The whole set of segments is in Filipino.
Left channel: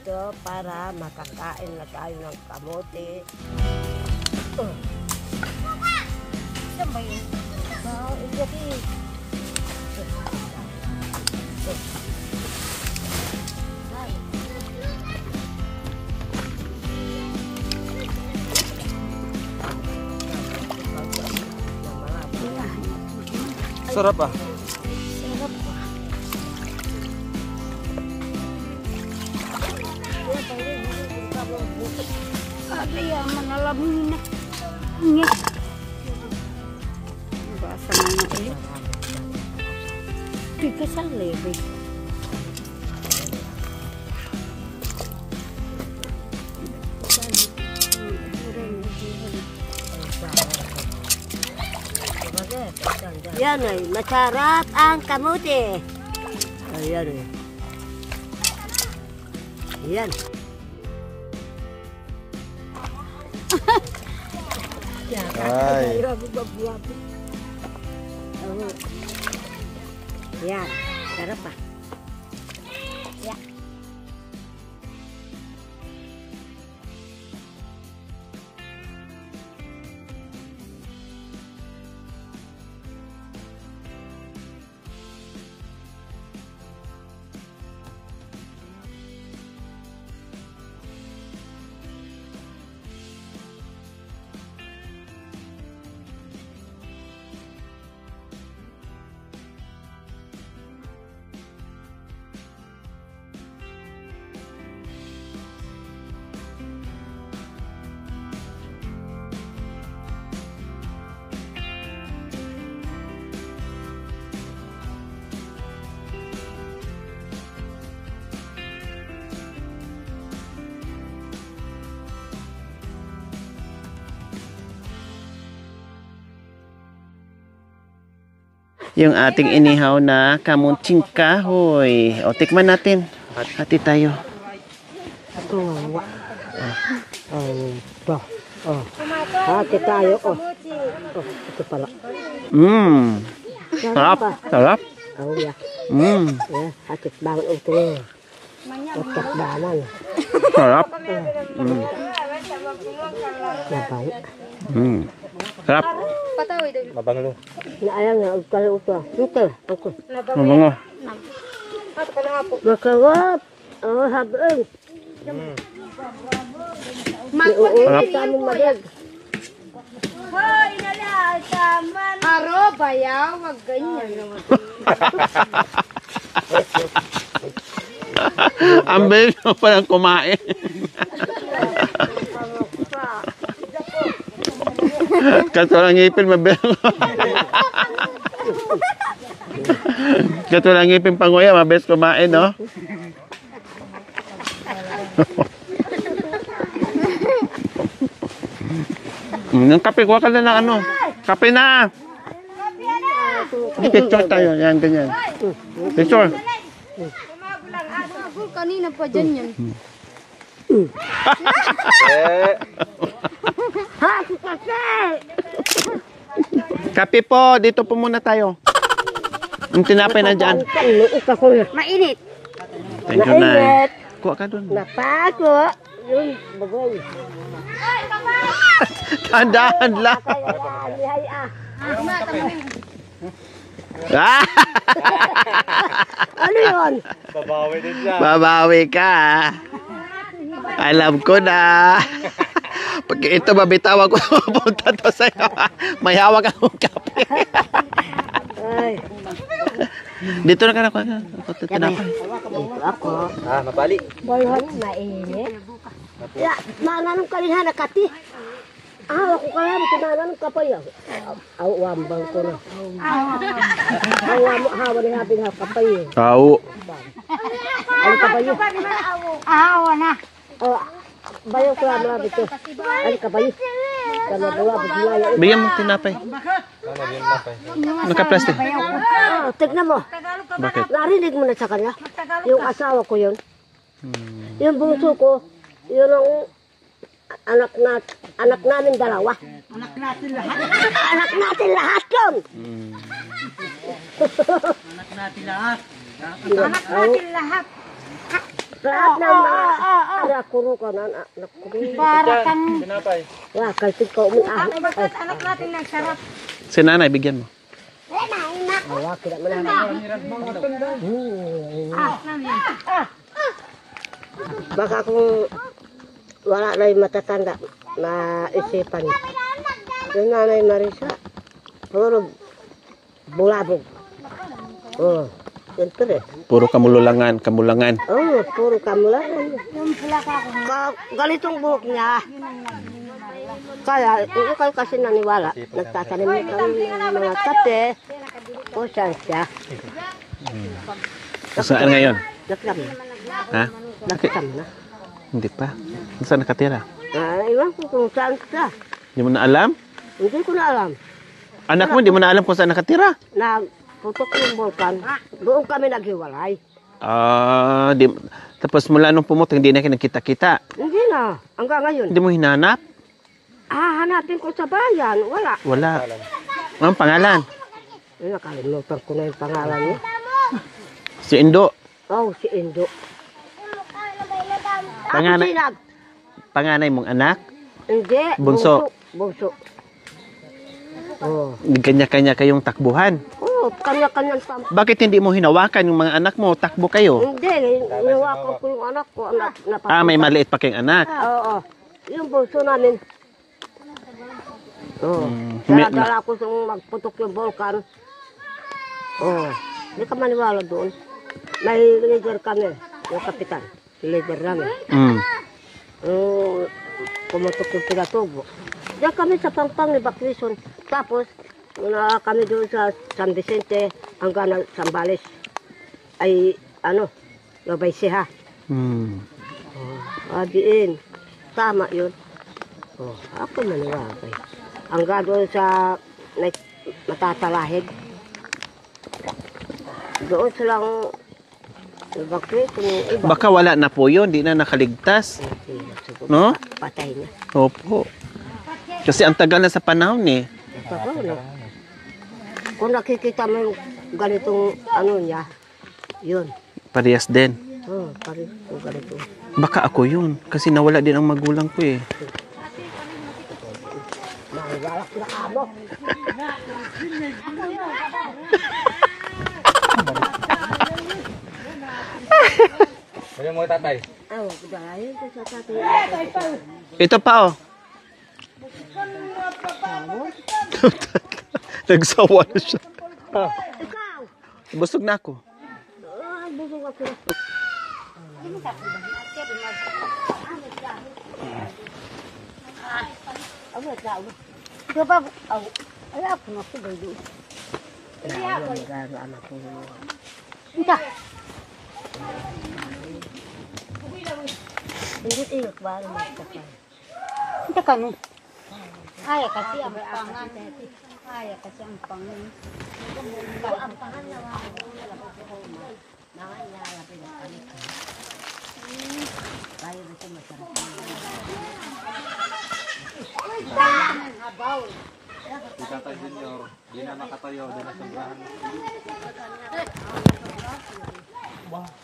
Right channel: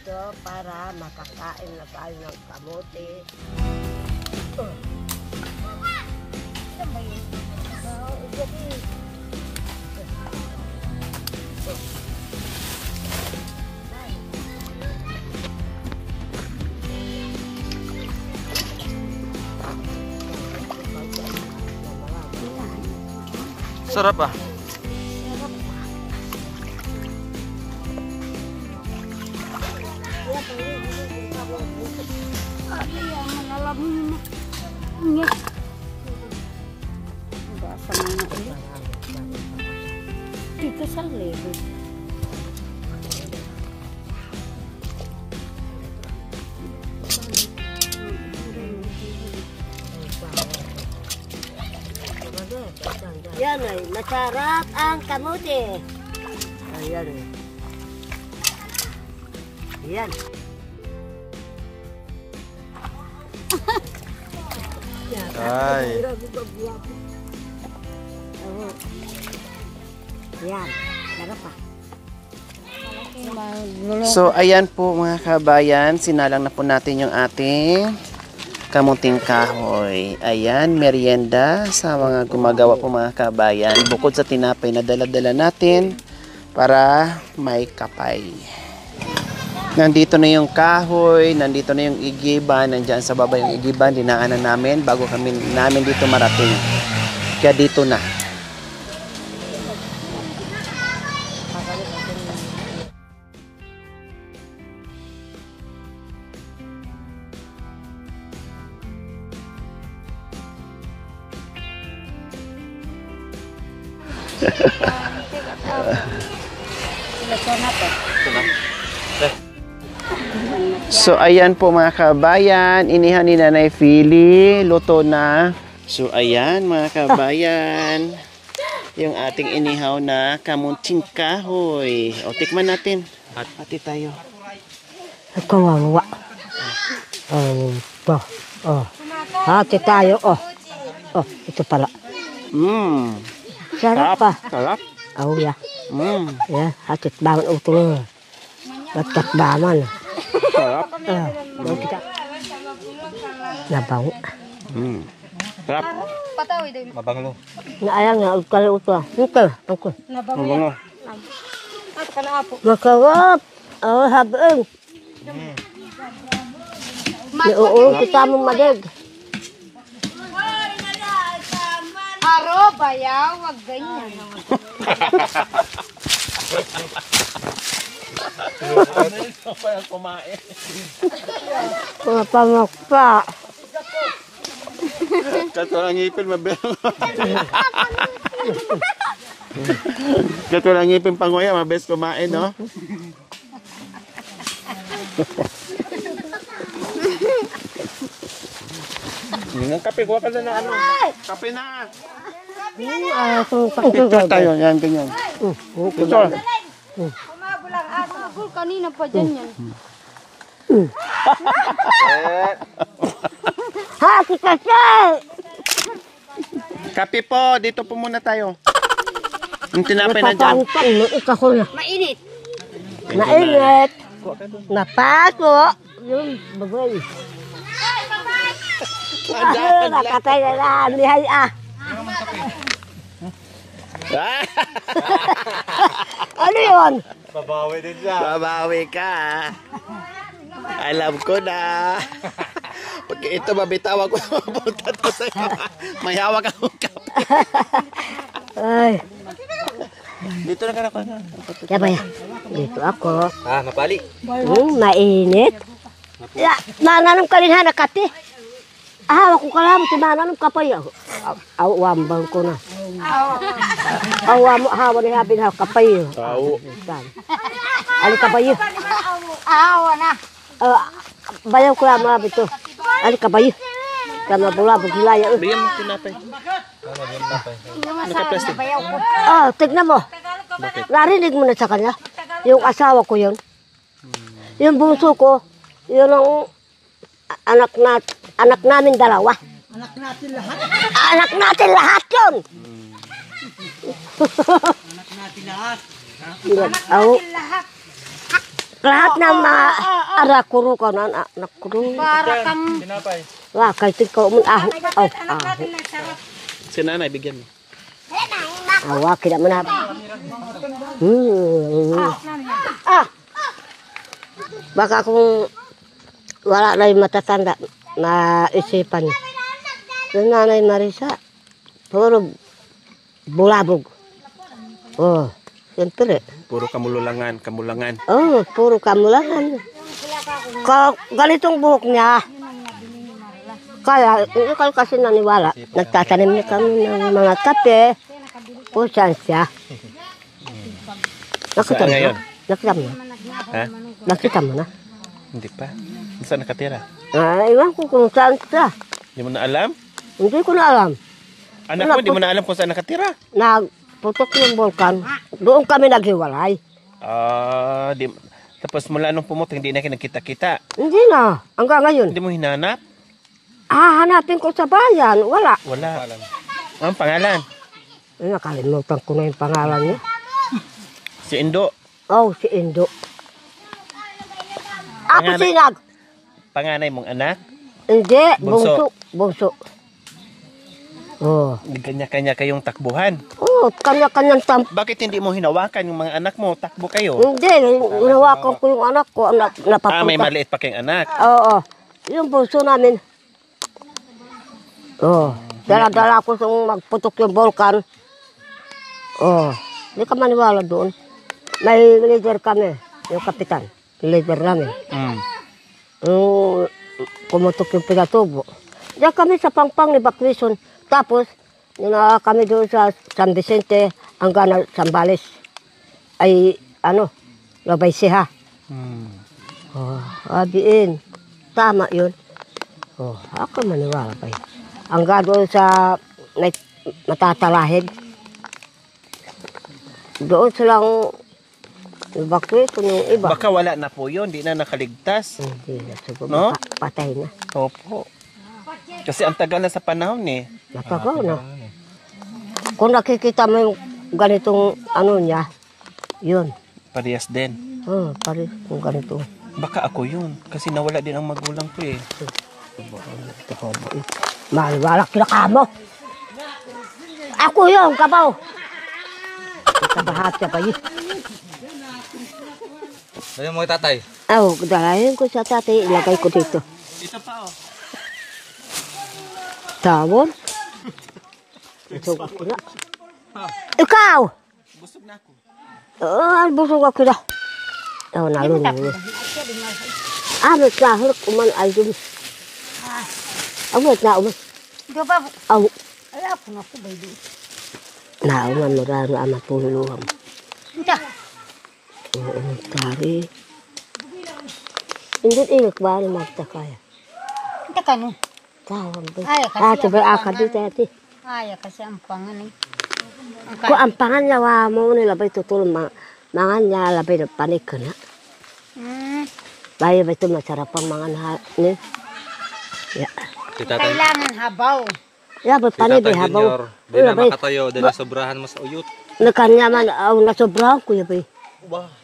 dito para makakain na tayo ng kamote. Saan ba yun? Ito. Sarap ah. Ayan, mga lamin na. Nga. Basa mga ulit. Dito sa lebe. Yan ay, masarap ang kamote. Ayan ay. Yan. Ay. Yan. Sarap pa. So, ayan po mga kabayan. Sinalang na po natin yung ating kamuting kahoy. Ayan, merienda sa mga gumagawa po mga kabayan. Bukod sa tinapay na dala-dala natin para may kapay. Nandito na yung kahoy, nandito na yung igiban, nandyan sa baba yung igiban, dinaanan namin bago namin dito marating. Kaya dito na. So ayan po mga kabayan, inihan ni Nanay Philly, luto na. So ayan mga kabayan, yung ating inihaw na kamuting kahoy. O tikman natin, hati tayo. Kawawa. Hati tayo. Ito pala. Sarap pa. Sarap. Ya. Ya, hatit banget utungnya. Letak baman. Sarap. Nabang. Sarap. Mabango. Ayang na kalau utuh. Ito, aku. Mabango. Makarap. Habeng. Kita mong madig. Aro, bayaw, wag ganyan. Ang bilis mo palang kumain. Pangak pa. Katulang ngipin, mabilis. Katulang ngipin panguya, mabilis kumain, no? Ang kape, kuha ka na ng ano. Kape na! Picture tayo, yan, ganyan. Picture. Kanina pa dyan yan. Kape po, dito po muna tayo. Yung tinapay na dyan. Mainit. Thank you, Nay. Kuha ka doon. Napato. Yun, bagay. Tandaan lang. Patay na lang, lihay Ano yun? Babawi din siya. Babawi ka. Alam ko na. Pag ito mabitawan ko, mapunta to sa'yo. May hawak akong kape. Ay. Dito na ka na. Dito ako. Mapali. Mainit. Ya, mananong ka rin ha, nakati. Hawak ko ka lang, mananong ka pa yun. Awambang ko na. Hawa na hapin ha, kapay. Tao. Ano ka ba yun? Awa na. Bayaw ko lang mga bito. Ano ka ba yun? Kama bula, bugilaya. Bigyan mo tinapay. Naka-plastic. Tignan mo. Bakit? Narinig mo na sa kanya. Yung asawa ko yun. Yung bunso ko, yun ang anak namin dalawa. Anak natin lahat? Anak natin lahat yun! Anak natin lahat? lahat ng mga arakuro ka na nakuro. Para kang Tinapay. Wah, kahit ikaw mo aho. Si nanay, bigyan mo. Awa, kaya mo na. Baka kung wala na yung matatanda, maisipan. Yung nanay Marisa, puro bulabog. Oh, siyempre. Puro kamulangan. Oh, puro kamulangan. Ganitong buhok niya. Kaya, hindi kayo kasi naniwala. Nagtatanim niya kami ng mga kape. O, saan siya? Saan ngayon? Nakita mo na. Ha? Nakita mo na. Hindi pa. Saan nakatira? Iwan ko kung saan siya. Hindi mo na alam? Hindi ko na alam. Anak mo, hindi mo na alam kung saan nakatira? Nagputok yung vulkan. Doon kami naghiwalay. Tapos mula nung pumutok, hindi na kayo nagkita-kita. Hindi na. Hanggang ngayon. Hindi mo hinanap? Hanapin ko sa bayan. Wala. Wala. Ang pangalan? Nakalimutan ko na yung pangalan niya. Si Indo. Oh, si Indo. Ako Pangalan- sinag. Panganay mong anak? Hindi. Bunso. Bunso. Oh. Kanya-kanya kayong takbuhan. Oh, kanya-kanyang Bakit hindi mo hinawakan yung mga anak mo? Takbo kayo. Hindi. Hinawakan ko yung anak ko. Napapunta. May maliit pa kayong anak. Oo. Yung bunso namin. Oh. Dala-dala ko sa magputok yung vulkan. Oh. Hindi ka maniwala doon. May leader kami. Yung kapitan. Leader namin. Pumutok yung pinatubo. Diyan kami sa Pangpang evacuation. Tapos, kami doon sa San Vicente hanggang Sambales. Ay, Labay Siha. Abiin. Tama yun. Ako maniwala kayo. Hanggang doon sa matatalahid. Doon silang evacuation yung iba. Baka wala na po yun. Di na nakaligtas. No? Patay na. Opo. Kasi ang tagal na sa panahon eh. Nakakaw na. Kung nakikita mo yung ganitong niya, yun. Parehas din. Pare, yung ganito. Baka ako yun. Kasi nawala din ang magulang ko eh. Maliwala ka mo. Ako yun, kabaw. Bahat ka pa yun. Ayaw mo tatay. Dalayan ko sa tatay, ilagay ko dito. Ito pa oh. Tawon? Nagsawa na siya. Ikaw! Busog na ako. Busog ako na. Nalunod niya. Amit na, hulak uman ay dun. Amit na uman. Aw. Ay, ako na po gayon. Nauman mo rin ang matulungan. Ika. Tari. Hindi iyak ba na magtakaya? Ika ka no. Tawag din. Ay, kasi Sabay akad dito ati. Ay, kasi ang pangan. Kung ang panganyawa mo nila ba'y tutulong mga niya labay na panik ka na. Bayo ba ito masarap ang mga ni? Kailangan habaw. Ba panik ba habaw? Di na makatayo. Di na sobrahan mas uyot. Nakanya man nasobrahan ko yun.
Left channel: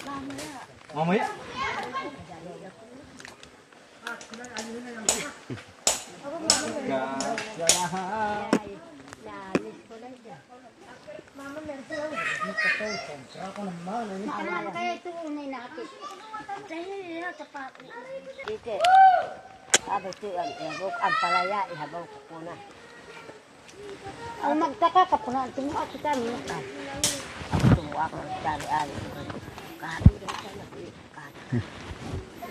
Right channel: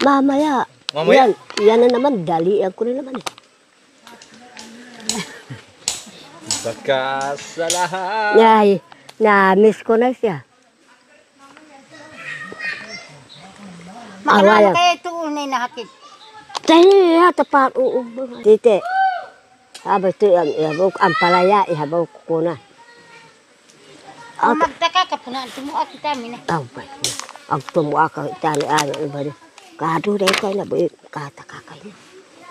Mamaya. Mamaya? Yan na naman. Dalian ko rin naman. Pagkasalahan. Yay. Na-miss ko na siya. Makanaan kaya ito unay nakakit. Tayo tapat uubos. Tite. Habang ito ihabaw ang palaya. Ihabaw ko na. Kung magtaka ka po na, tumuha kita nila. Ako tumuha ka tani-ani. Iba rin. Kado rin tayo na buhay. Kataka ka.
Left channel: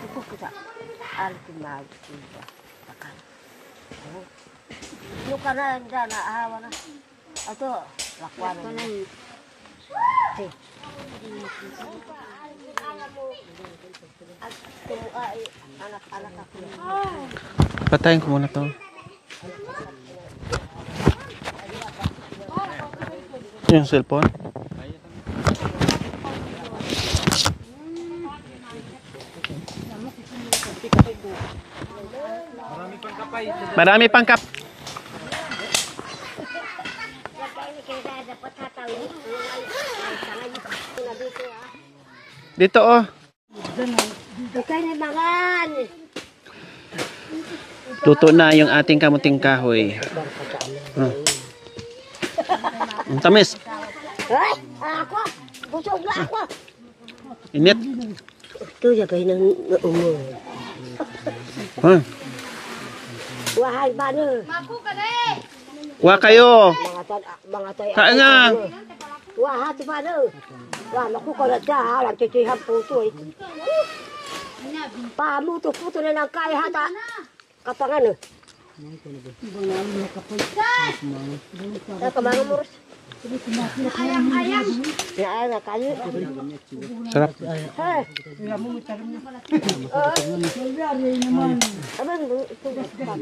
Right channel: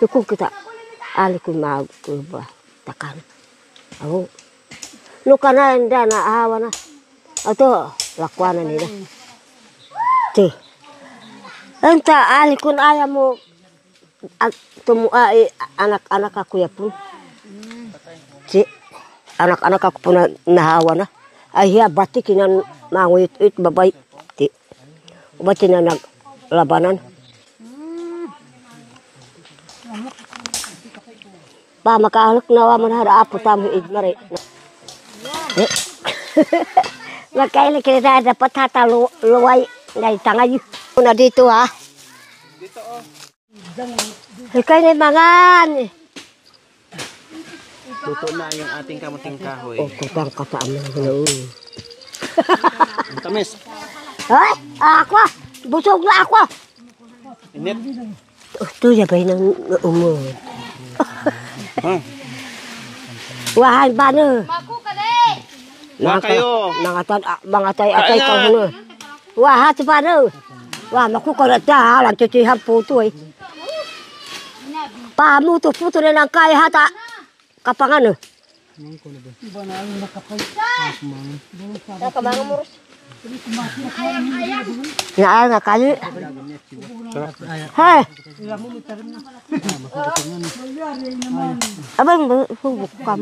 Tukong kita. Ali ko mag-uba. Takan. Ako. Luka na hindi na ahawa na. Ito. Lakwa na nila. Ti. Enta, ali kun ayaw mo tumuha anak-anak ako yapon. Patayin ko muna Si ko. anak-anak ako po na nahawa na. Ay hiya, bati kinan manguyit-uyit babay. Yung cellphone? Ti. Bati na naglabanan. Pa, makahalak na mo na harapo tamo. Marami pang kap. Magkailan kita dapat hataluway. Ngay tangay. Una dito ha. Dito oh. Ikay na mangan. Luto na yung ating kamuting kahoy. Kapag ka sa amin. Ang tamis. Ay, ako. Busog na ako. Init. Ito yabay ng umo. Huh? Wahan ba na? Wa kayo. Mga tay atay ka na. Wahat ba na? Wah, makukurat ka ha. Lantutsihan puto eh. Pamuto-puto na lang kaya hata. Kapangan eh. Ya, na kayo. Sarap. Hey. Abang bukam.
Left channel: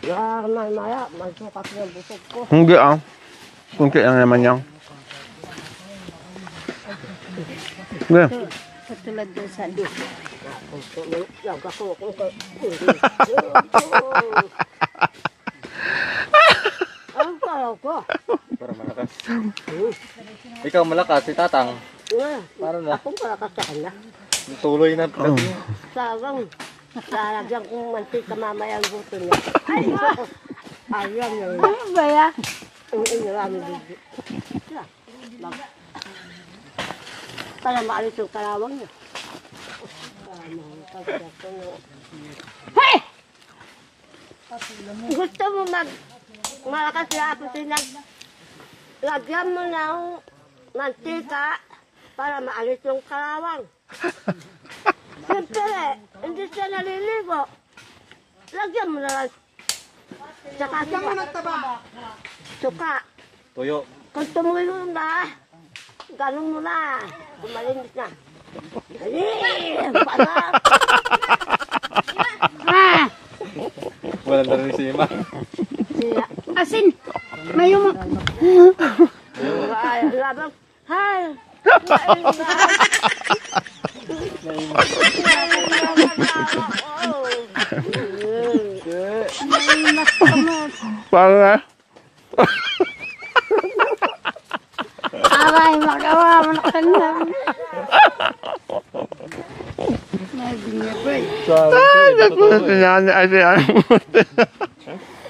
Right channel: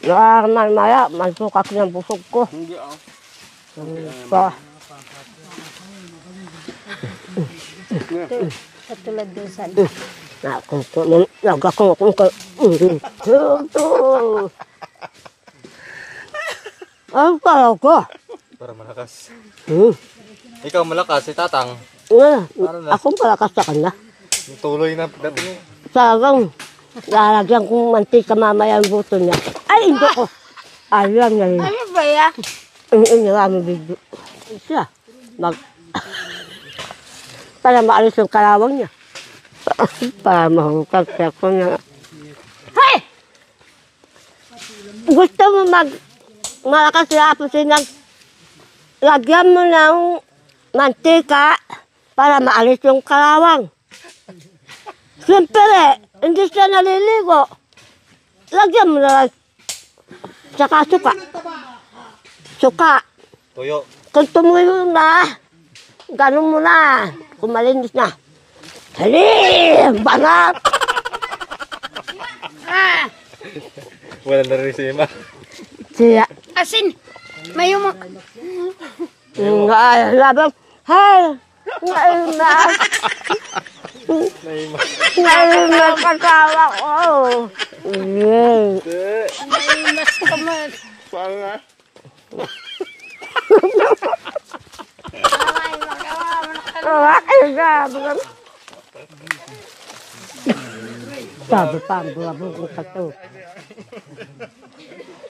Ya, maya, masukak ng busog ko. Hindi ah. Kunti lang naman yan. Nga. Katulad din sa Ang pala ko. Para malakas. Ikaw malakas, si Tatang. Ako malakas sa kanya. Tuloy na bro. Talagang lalagyan kong mantika mamaya ang buto niya. Ay, hindi ko. Alam niya rin. Ano ba ya? Ang inirami video. Siya. Para maalis yung kalawang niya. Para mahungkag ko niya. Hey! Gusto mo malakas yapusin ng lagyan mo ng mantika para maalis yung kalawang. Siyempre, hindi siya naliligo. Lagyan mo na lang. Saka suka. Suka. Tuyo. Kung tumuyo na, ganun mo na. Kung malinis na. Dali! Banat! Wala na rin si Ima. Siya. Asin. May yung... Labang. Hay! Ngayon na. Ngayon na kasama ko. May mas kamas. Paano nga? Aray, makawa mo na kanina.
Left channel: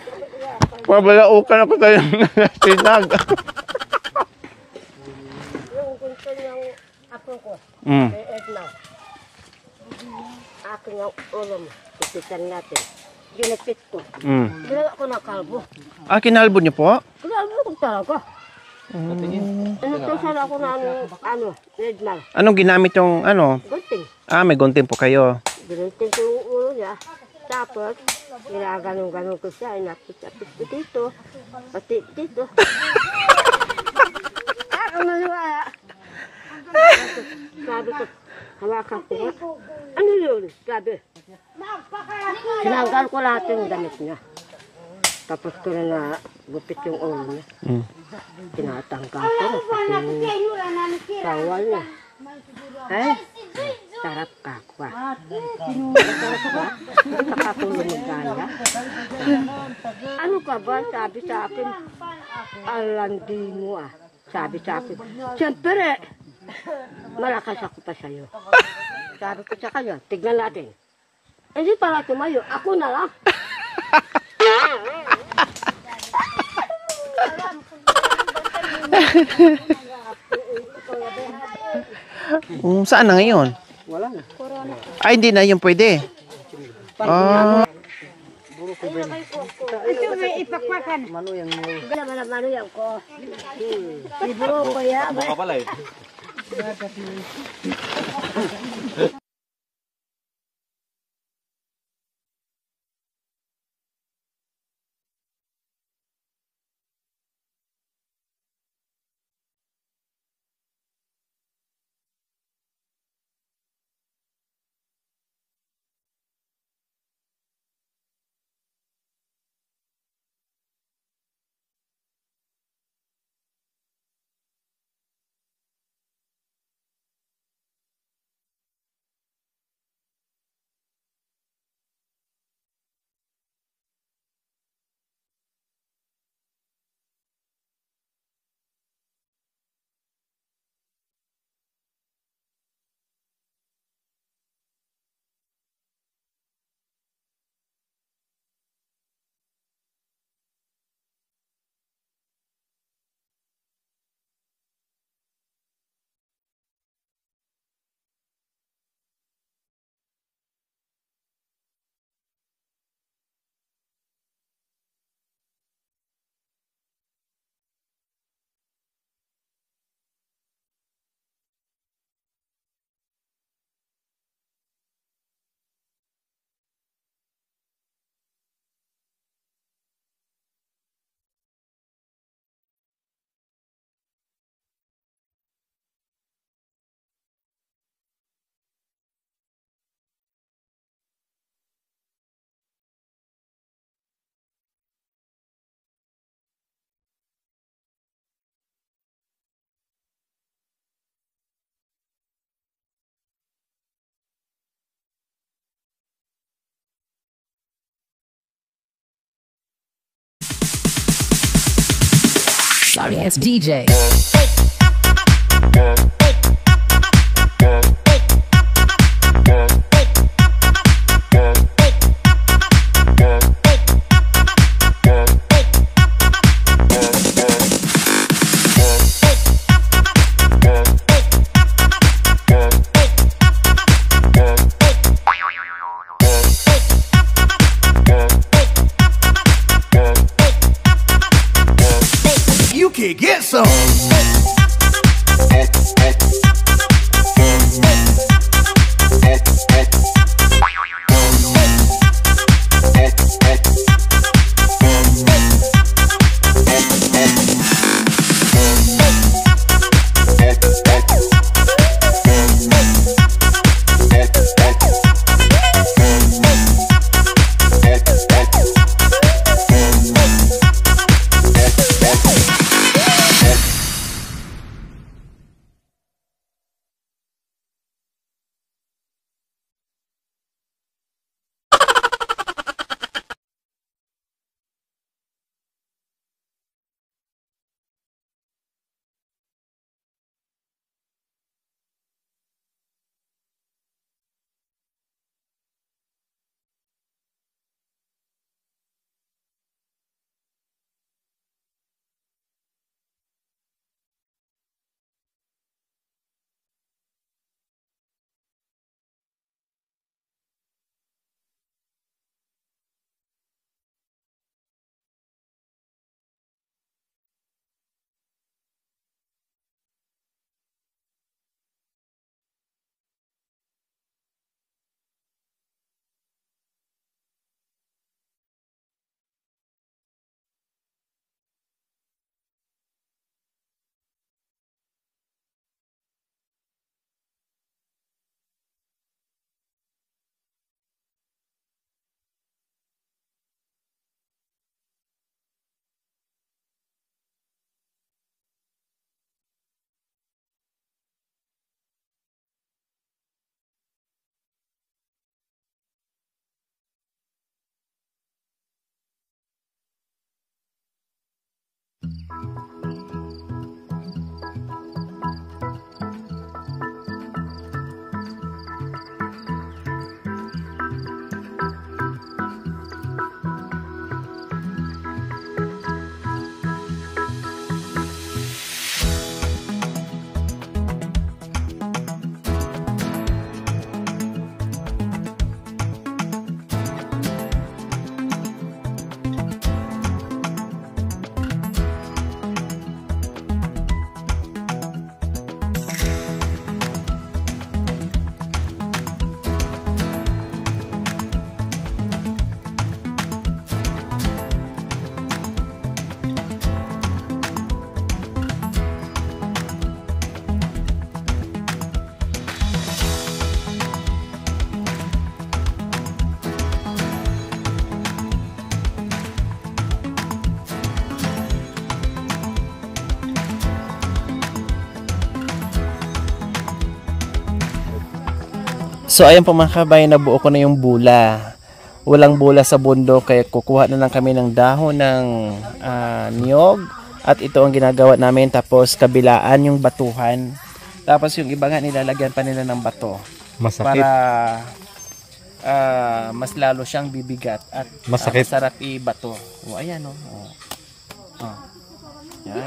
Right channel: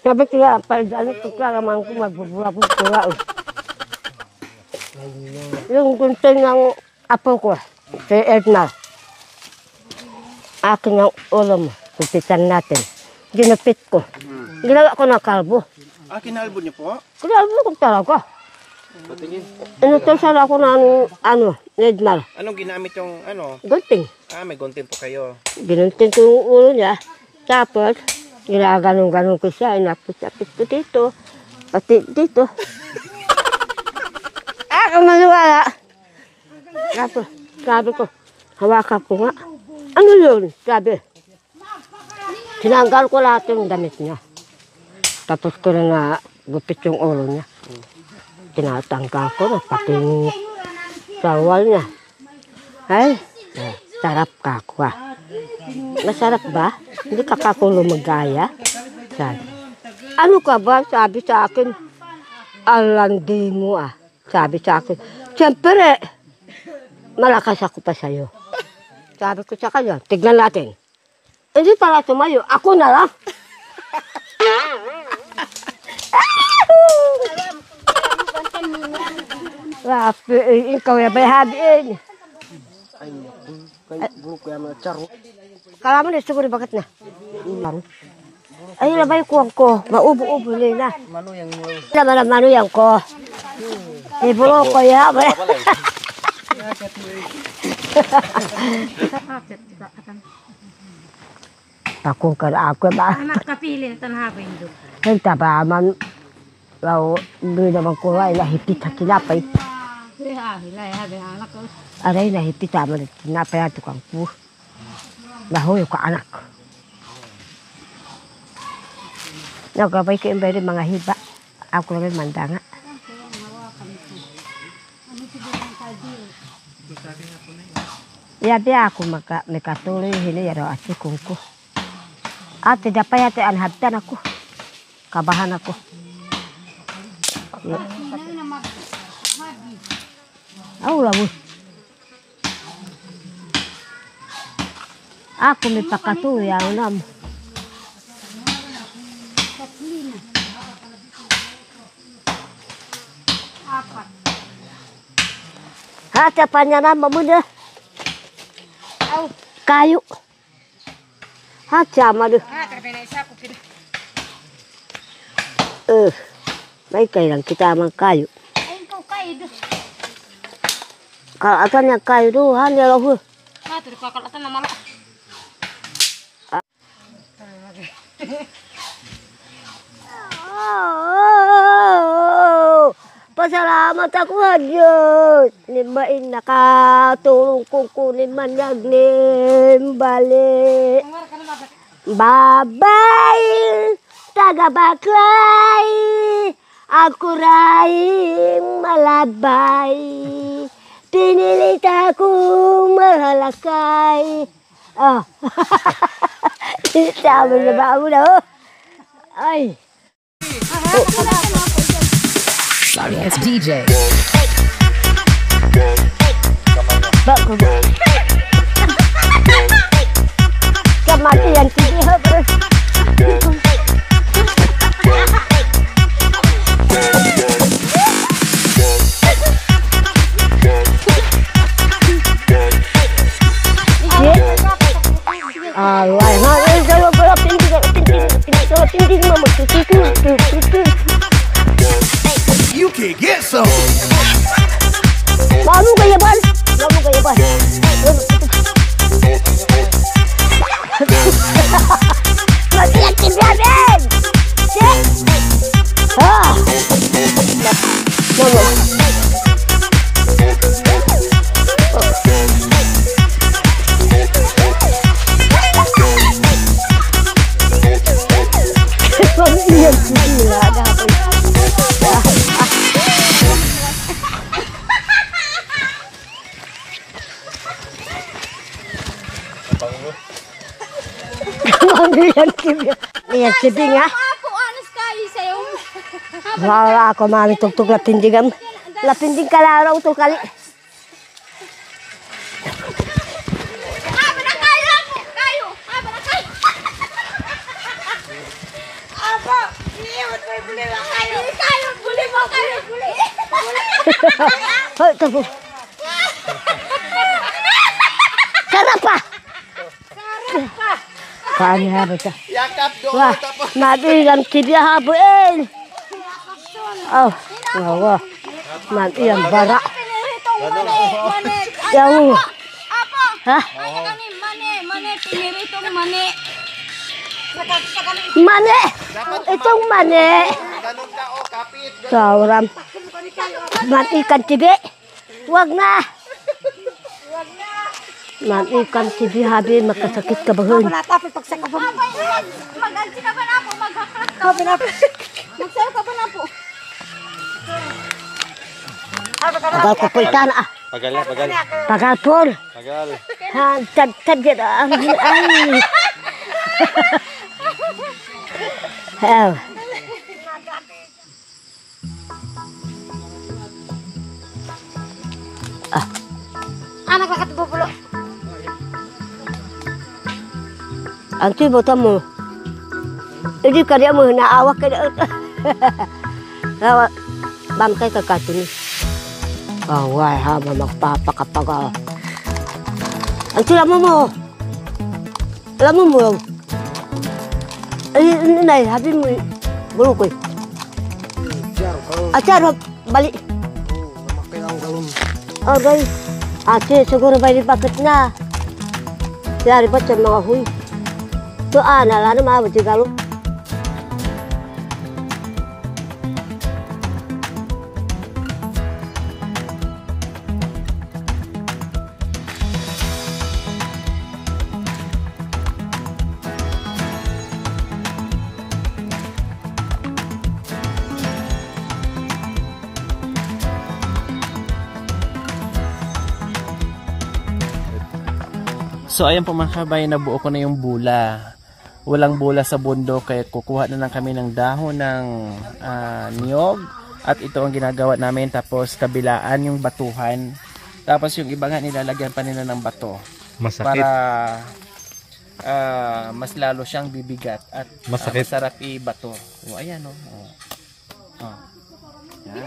Sabi kaya, Mabalaukan ako kayo. Yung gunting ng apo ko, si Edna. Akin yung ulo mo, pipitan natin. Ginupit ko. Ginawa ko ng kalbo. Ah, kinalbo niyo po? Kalbo ko talaga. Inutusan ako ng Edna. Anong ginamit yung Gunting. Ah, may gunting po kayo. Ginunting ko yung ulo niya. Tapos, ginaganon-ganon ko siya. Inapit-apit ko dito. Pati dito. Maniwala. Tapos, sabi ko, hawakan ko nga. Ano yun? Sabi. Sinanggal ko lahat yung damit niya. Tapos ko na gupit yung ulo niya. Tinatanggal ko na pati yung sawal niya. Ay, sarap ka ko. Masarap ba? Hindi ka kakulo magaya? Sabi. Ano ka ba? Sabi sa akin, alandi mo ah. Sabi sa akin, siyempre, malakas ako pa sa'yo. Sabi ko sa kanya, tignan natin. Hindi pala tumayo, ako na lang. Ikaw yung may habiin. Saan na ngayon? Ay, hindi na yung pwede. Alam mo na, siguro bakit na? Ayun na ba yung kuwang ko? Maubo-ubo nila. Laman ang manuyang ko. Iburo ko ya. Ako ka na ako ba? Anak kapili na tanhapin doon. Henta ba man. Law, doon naman ko ay nahipit sa tinapay. Hilay, anak ko. Aray, nahipit sa man tinapay ato kang po. Nahoy ko anak. Nagabay ko yung mga hiba. Ako lang yung mandanga. Yabi ako may katuloy hinayaro at si kungko. Ate, dapay ate anhabtan ako. Kabahan ako. Wala mo. Ako may pakatuya, wala mo. Hatapan niya na muna. Kayu. Hacha madu. May kailang kita mang kayu. Kalau atan yang kayu tu hanya loh. Kalau atan nama lo. Pasalamat ako ha Diyos. Limain nakatulong kong kunin man naglim balik. Babay, taga-baklay, ako rin malabay. Pinilit akong mahalakay. Oh, sabi na ba mo na oh. Ay. Sorry, it's DJ. Kematian sini terus. You can get some. Baru kaya ban. Iya, kibing ah. Ako, honest kayo sa'yo. Wala ako mami tugtog lapindigam. Lapindig kalaraw to kali. Aba na kayo po! Kayo! Aba na kayo! Aba! Iyot mo buli ba kayo? Kayo! Buli mo kayo! Buli! Hoy, tapo. Sarap pa! Sarap pa! Paano haba siya? Yakap doon. Wah, mabilang tibia habuin. Oh, wow. Mabilang bara. Piniritong mani! Yang. Apo! Hah? Kani mani! Piniritong mani! Mane! Itong mane. Ganun ka o, kapit. Sauram. Ikan tibi. Wag na. Ikan tibi habi makasakit ka bahon. Mag-ansi ka ba na po? Maghakrak ka ba na po? Magsayo ka ba na po? Pagal ko po itan ah. Pagal na, pagal. Pagal po. Pagal. Ha, tad dyan ah. Ay. Hell. Anak kakak bubulo. Anti bota mo. Hindi ka niya mo naawak ka na. Bantay ka kasi ni. Away haba magpapakapag. Anti alam mo. Alam mo. Ay, nay, habi mo. Bulo ko. Acar, balik. Oh, guys. Ate, siguro ba ipakit na? Dari ba sa mga huy? Ito, nala na maabot yung galo. So ayan po mga kabayan, nabuo ko na yung bula. walang bola sa bundok, kaya kukuha na lang kami ng dahon ng niyog at ito ang ginagawa namin, tapos kabilaan yung batuhan, tapos yung iba nga nilalagyan pa nila ng bato. Masakit. Para mas lalo siyang bibigat at Masakit. masarap ibato. O ayan o. Yan.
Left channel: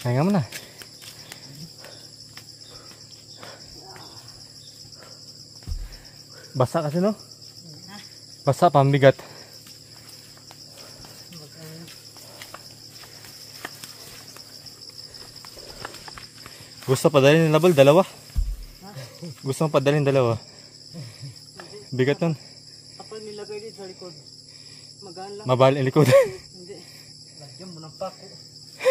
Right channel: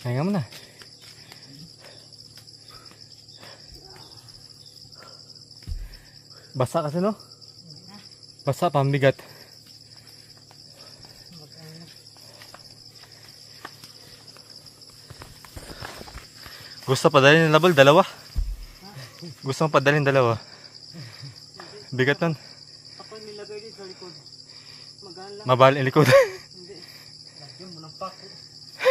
Kaya mo na. Basa kasi no? Basa, pambigat. Gusto padalhin ng labol, dalawa. Gusto mong padalhin dalawa. Bigat nun. Ako nilagay dito sa likod. Magaan lang. Mabal yung likod. Hindi. Lagyan mo ng pako.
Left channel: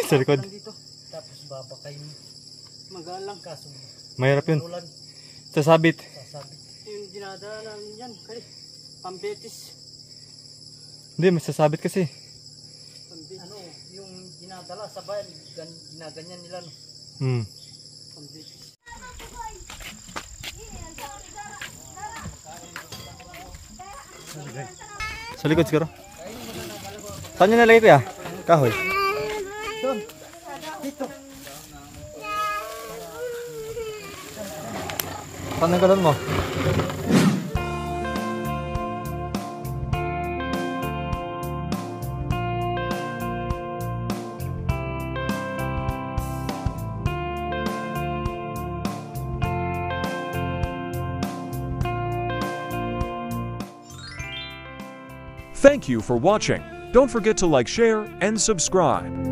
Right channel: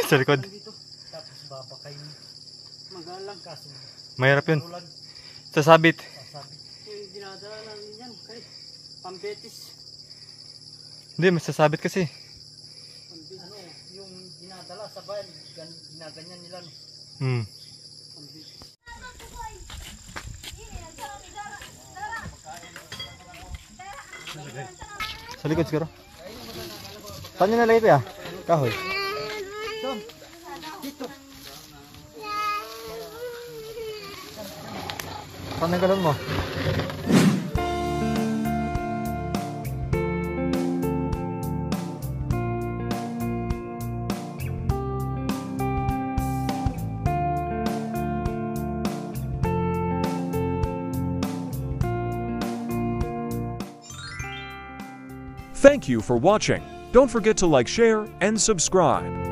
Sa likod. Dito. Tapos babakay mo. Magaan lang kaso. Mahirap yun. Ulan. Sasabit. Sasabi. Yung dinadala namin yan. Kay pambetis. Hindi, masasabit kasi. Pambetis. Ano, yung dinadala sa bayan. Ginaganyan nila. No? Hmm. Pambetis. Sa likod siguro. Saan nyo nalagay kuya? Kahoy. Saan ang galon mo? Thank you for watching. Don't forget to like, share, and subscribe.